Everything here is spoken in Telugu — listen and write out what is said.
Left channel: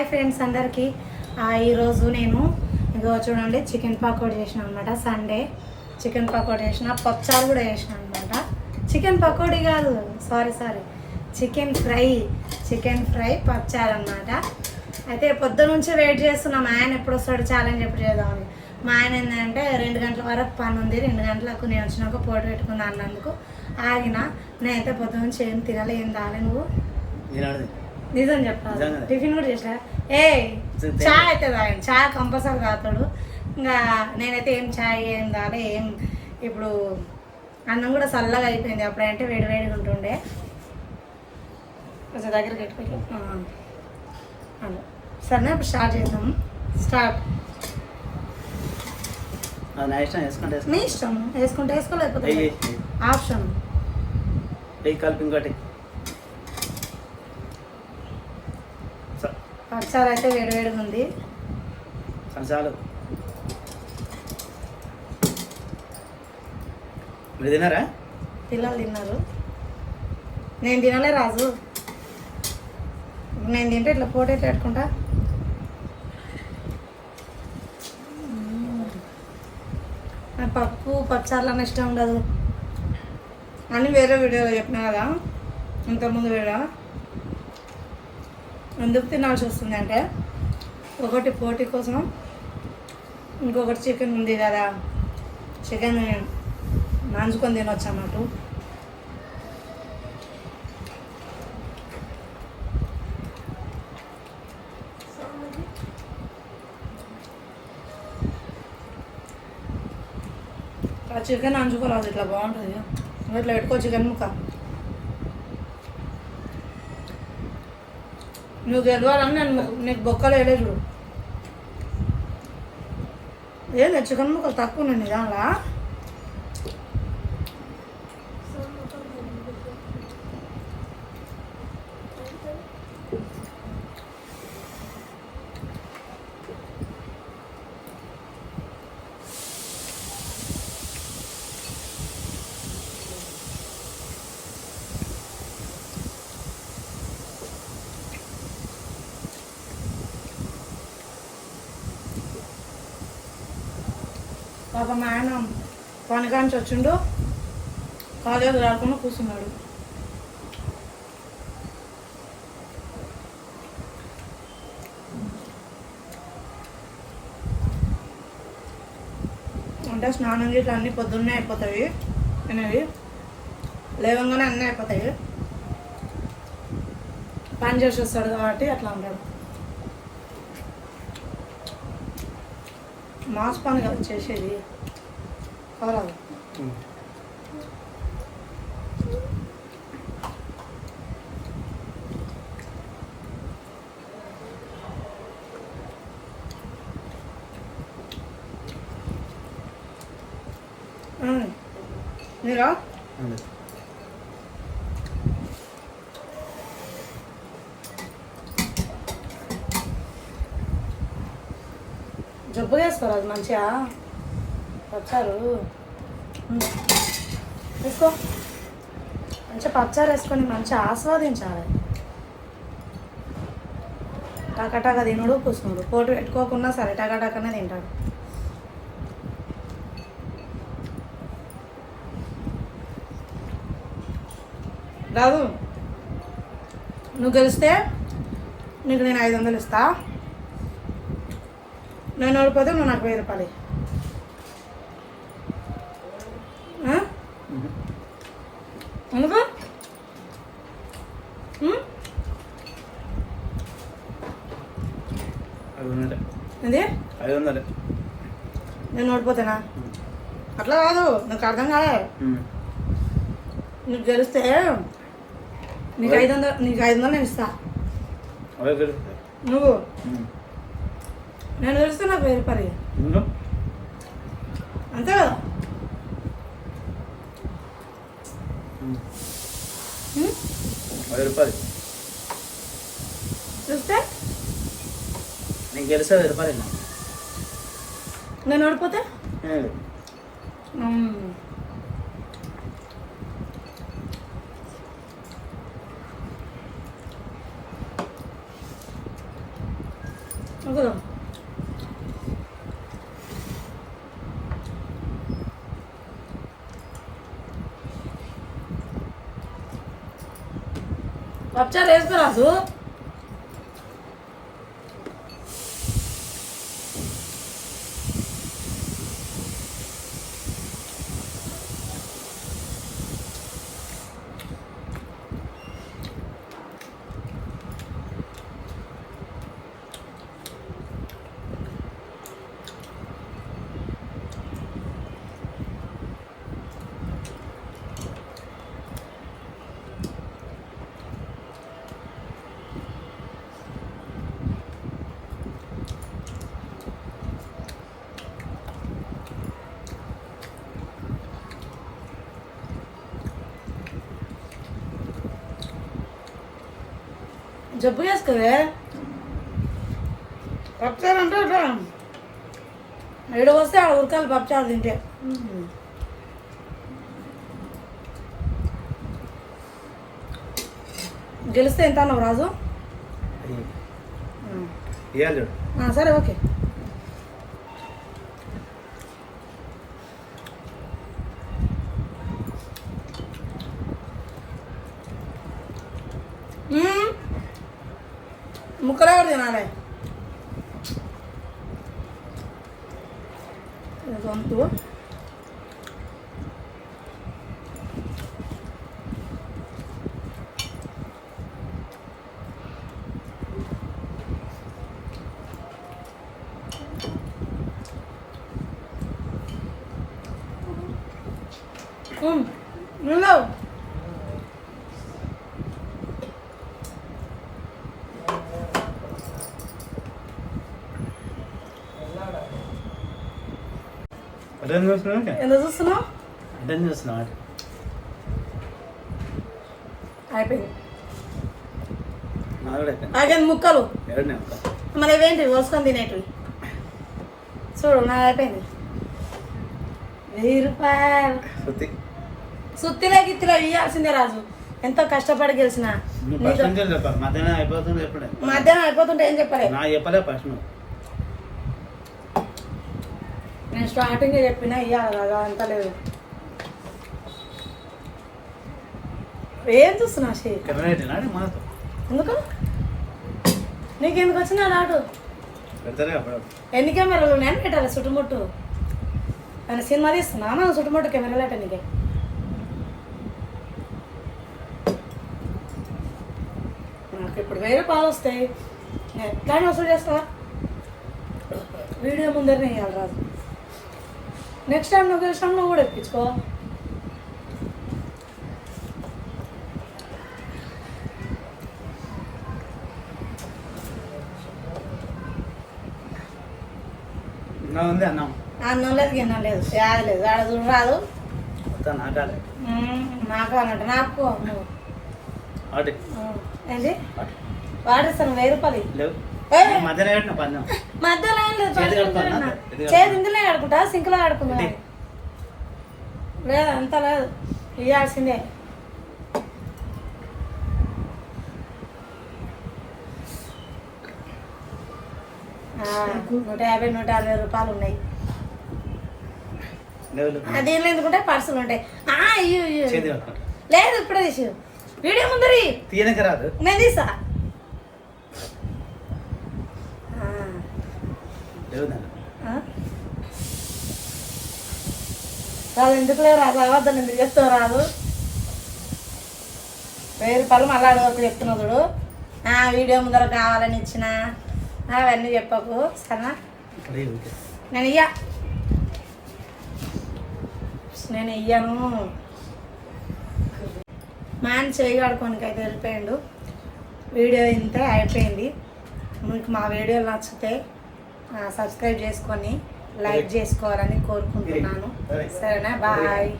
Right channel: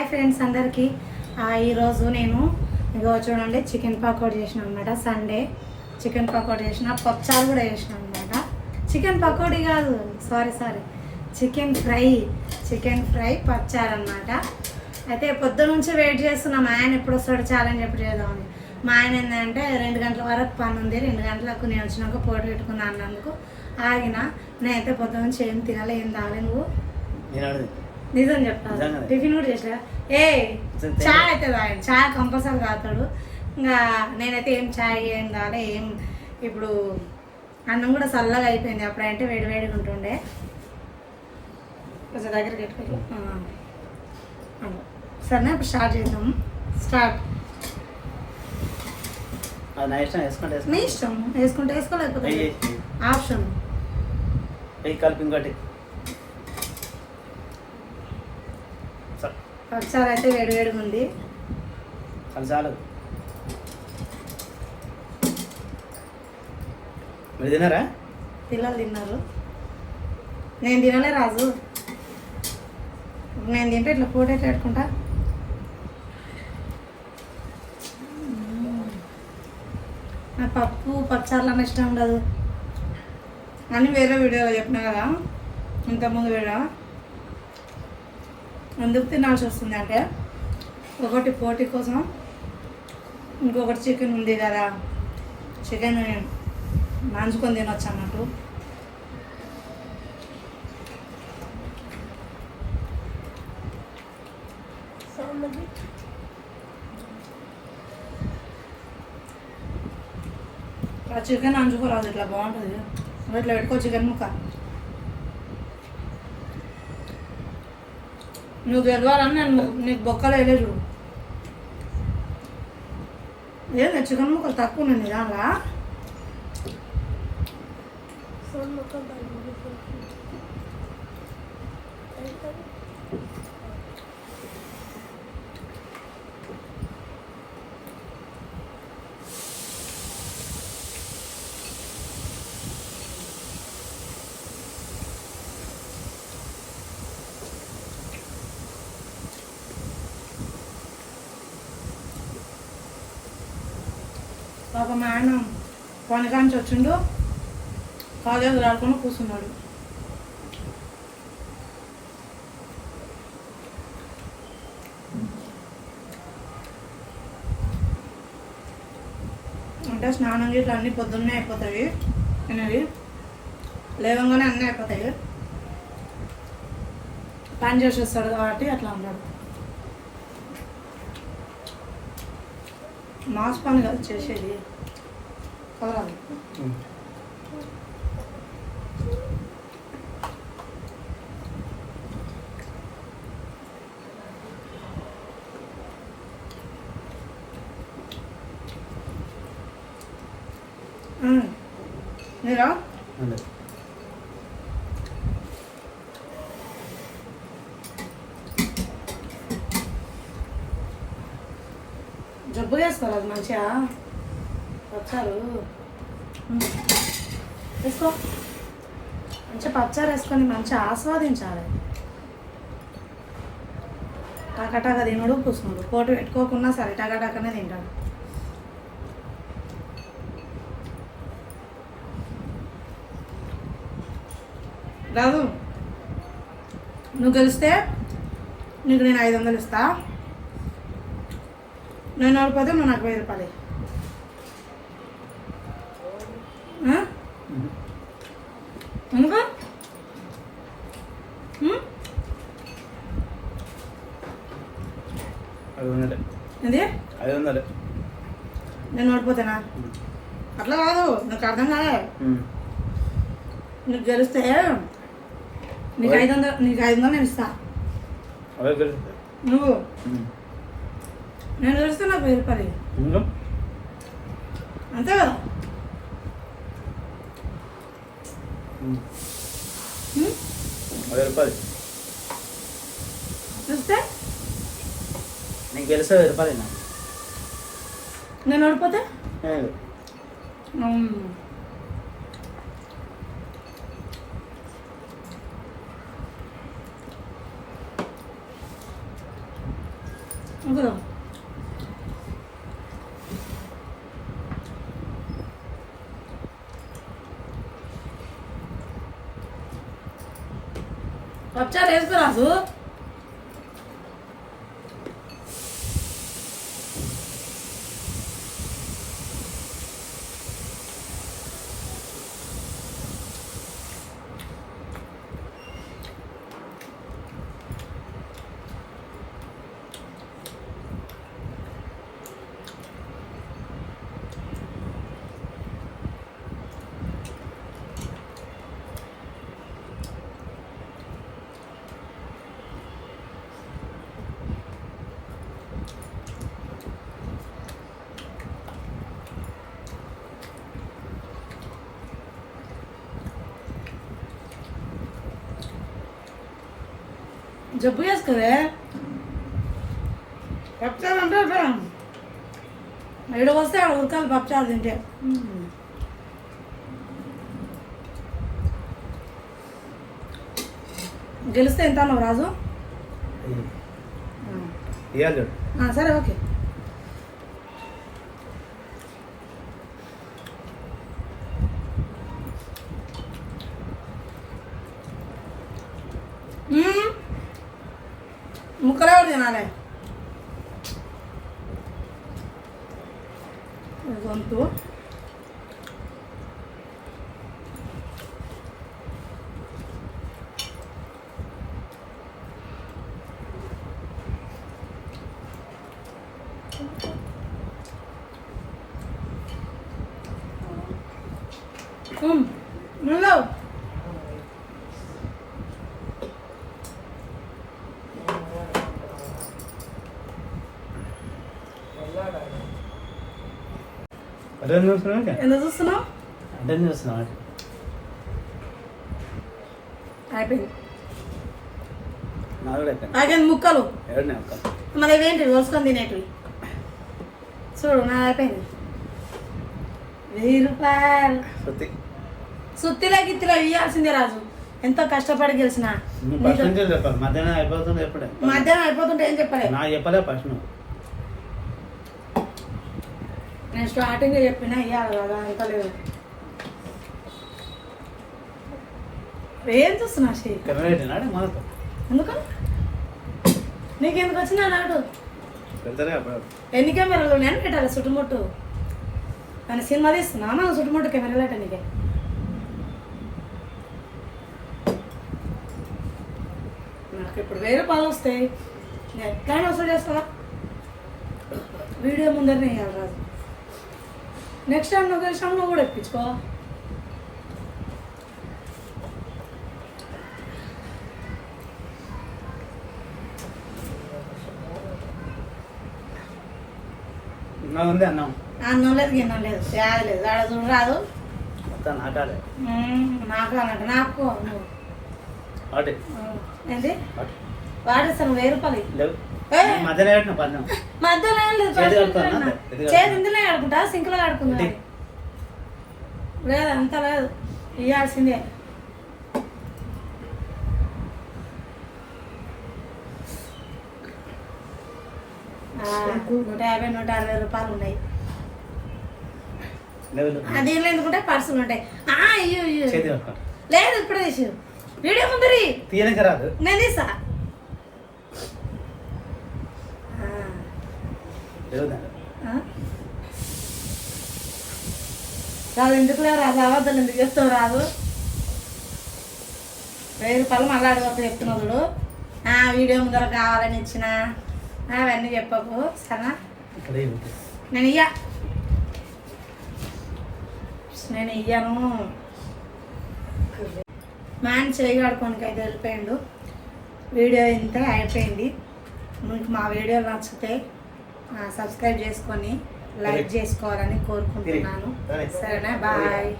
హాయ్ ఫ్రెండ్స్ అందరికీ. ఈరోజు నేను ఇగో చూడండి చికెన్ పకోడీ చేసిన అనమాట. సండే చికెన్ పకోడీ చేసిన, పప్పుచారు కూడా చేసిన అనమాట. చికెన్ పకోడీ కాదు, సారీ చికెన్ ఫ్రై పప్పుచారు అనమాట. అయితే పొద్దు నుంచి వెయిట్ చేస్తున్నాం, మా ఆయన ఎప్పుడు వస్తాడు ఛాలెంజ్ ఎప్పుడు చేద్దామని. మా ఆయన ఏంటంటే 2 గంటల వరకు పని ఉంది, 2 గంటలకు నేను వచ్చినాక పోటీ పెట్టుకుందా అన్నందుకు ఆగిన. నేనైతే పొద్దు నుంచి ఏం తినాలి, ఏం తాగలే. నువ్వు నిజం చెప్తాను, టిఫిన్ కూడా చేసా. చాయ్ అయితే తాగాడు, చాయ్ కంపల్సరీ తాగుతాడు. ఇంకా నేనైతే ఏం చాయ్ ఏం తాగలే. ఇప్పుడు అన్నం కూడా చల్లగా అయిపోయింది, అప్పుడంటే వేడివేడిగా ఉంటుండే. కొంచెం దగ్గరికి పెట్టుకోవాలి. సరేనా, ఇప్పుడు స్టార్ట్ చేద్దాము. మీ ఇష్టం, వేసుకుంటే వేసుకోలేకపోతే ఆప్షన్. కలిపి ఇంకోటి పచ్చడి అయితే వేడివేడిగా ఉంది. చాలు. మీరు తిన్నారా? పిల్లలు తిన్నారు, నేను తినలే రాజు. నేను తింటే ఇట్లా పోటీ పెట్టుకుంటా. నా పప్పుచారులు అన్న ఇష్టం ఉండదు అని వేరే వీడియోలో చెప్పినా కదా, ఇంతకుముందు వీడియో. ఎందుకు తినాల్సి వస్తుంది అంటే, ఒకటి పోటీ కోసం, ఇంకొకటి చికెన్ ఉంది కదా, చికెన్ నంచుకొని తినొచ్చు అన్నట్టు. ఆ చికెన్ నంచుకోరాదు, ఇట్లా బాగుంటుంది. ఇట్లా పెట్టుకో చికెన్ ముక్క. నువ్వు గెలవాలని నేను నీకు బొక్కలు వేయలే చూడు. ఏంది చికెన్ ముక్కలు తక్కువ ఉన్నాయి దానిలా. పాప మా ఆయన కొనకాంచి వచ్చిండు, కాలేజీ ఆడుకొని కూర్చున్నాడు. అంటే స్నానం చేసి అన్నీ పొద్దున్నే అయిపోతాయి అనేవి, లేవంగానే అన్నీ అయిపోతాయి. పని చేసి వస్తాడు కాబట్టి అట్లా ఉన్నాడు. మాస్ పని కదా చేసేది, కావాలి. మీరా జబ్బు చేసుకోరు, అది మంచిగా పచ్చారు వేసుకో. మంచిగా పచ్చారు వేసుకొని మంచిగా ఆస్వాదించాలి. టకటక తినడు, కూసుకున్నాడు. పోటీ పెట్టుకోకున్నా సరే టకటకనే తింటాడు. రాదు, నువ్వు గెలిస్తే నీకు నేను 500 ఇస్తా. నేను ఓడిపోతే నువ్వు నాకు 1000 రూపాయలు. ఎందుకు? ఏంది 500? నేను ఓడిపోతానా? అట్లా కాదు, నాకు అర్థం కాదు. నీకు గెలిస్తే నీకు 500 నేను ఇస్తా. నువ్వు నేను గెలిస్తే నాకు 1000 రూపాయలు అంతే కదా. చూస్తే నేను గెలిస్తే 1000 రూపాయలు. నేను ఓడిపోతే అసలు పచ్చారు వేసుకోరాజు. జబ్బు చేసుకోదే పప్చారు అంటే ఇక్కడ వస్తే ఆడ ఉరకాలి పప్చారు తింటే. గెలిస్తే ఎంత అన్నావు రాజు? ఇవ్వాలి చూడు. సరే ఓకే. ముక్కలు ఎవరు తినాలి? గొంతు నువ్వు అటెండ్ చూస్తున్నావు ఎందుకు చూస్తున్నావు? అటెండ్ చూస్తున్నావు అయిపోయింది. నా కూడా అయిపోయింది. ఆగండి ముక్కలు ఎవరిని అక్క మన ఇవేంటి కోసుకొని తినేటివి చూడు. నా అయిపోయింది. 1000 రూపాయలు సుత్తి సుత్తిలో గిత్తిలో ఇవ్వాల్సిందే రాజు. ఎంతో కష్టపడి గెలిచిన. నువ్వు ఫస్ట్ నుంచి చెప్పాలి. మధ్యాహ్నం అయిపోతుంది ఎప్పుడే మధ్యాహ్నం అయిపోతుంటే ఏం చెప్పలే. నా చెప్పలే ఫస్ట్ నువ్వు. నేను స్టార్టింగ్ చెప్పినా ఇవ్వాలి కదా, అంత లేదు. ఏం చూస్తున్నా షీ? కెమెరా మాతో ఎందుకు నీకు ఎందుకు వచ్చిందా నాటు? పెడతానే అప్పుడు ఎన్ని కెమెరాలు నేను పెట్టాలి చుట్టుముట్టు? అని సినిమా తీస్తున్నా మనం చుట్టుముట్టు కెమెరాలు అట్ట నీకే. నాకు ఇప్పుడు 1000 రూపాయలు వస్తాయి. నేను ఎట్లా వసూలు చేస్తావా? వీడియో ముందరనే వేయాలి రాదు. నెక్స్ట్ టైం నువ్వు గెలిచినా నువ్వు కూడా ఎప్పించుకో. నా ఉంది అన్నం అన్నం లేదు గిన్నం లేదు, యాది లేదు. ఆడ చూడు రాదు. మొత్తం నాటాలి. నాకు అన్నట్టు నాకు నువ్వు వాటి ఏంటి వాడిస్తాను 1000 రూపాయలు. లేవు మధ్యాహ్నం పెట్టిన పన్నం మధ్యలో లేదు. చేతి కడుక్కోనా? చేతి ఇందులో ఆడుకుంటా, సింక్లో ఆడుకుంటా. లేదు అంత లేదు, ఇవ్వాల్సిందే. ₹150, ₹160 రూపాయలు ఉన్నాయి. దీనిలో ఎందుకుంటే పర్సులు ఉంటాయి. అయ్యో చేతి కడుక్కుంటా. లేదు ఇప్పుడే తీసు వీడియో ముందరి తీయనక రాదు. నేను తీసా. రాదు ఎందుకులే రాదు, అబద్ధాలు ఎందుకు చెప్తావు రాదు. 1000 రూపాయలు మళ్ళీ అడగకు చెప్తున్నావు చూడు. వీడియో ముందర కావాలని ఇచ్చిన అవన్నీ చెప్పకు సరేనా? నేను ఇయ్యాను. మా ఆయన చేయగడుకోనికి అయితే వెళ్ళిపోయిండు. వీడియో ఇంత అయిపోయింది. మీకు మా వీడియోలు నచ్చితే సబ్స్క్రైబ్ చేసుకొని లైక్ చేసుకోవాలని కోరుకుంటున్నాను. సరేనా? బాయ్.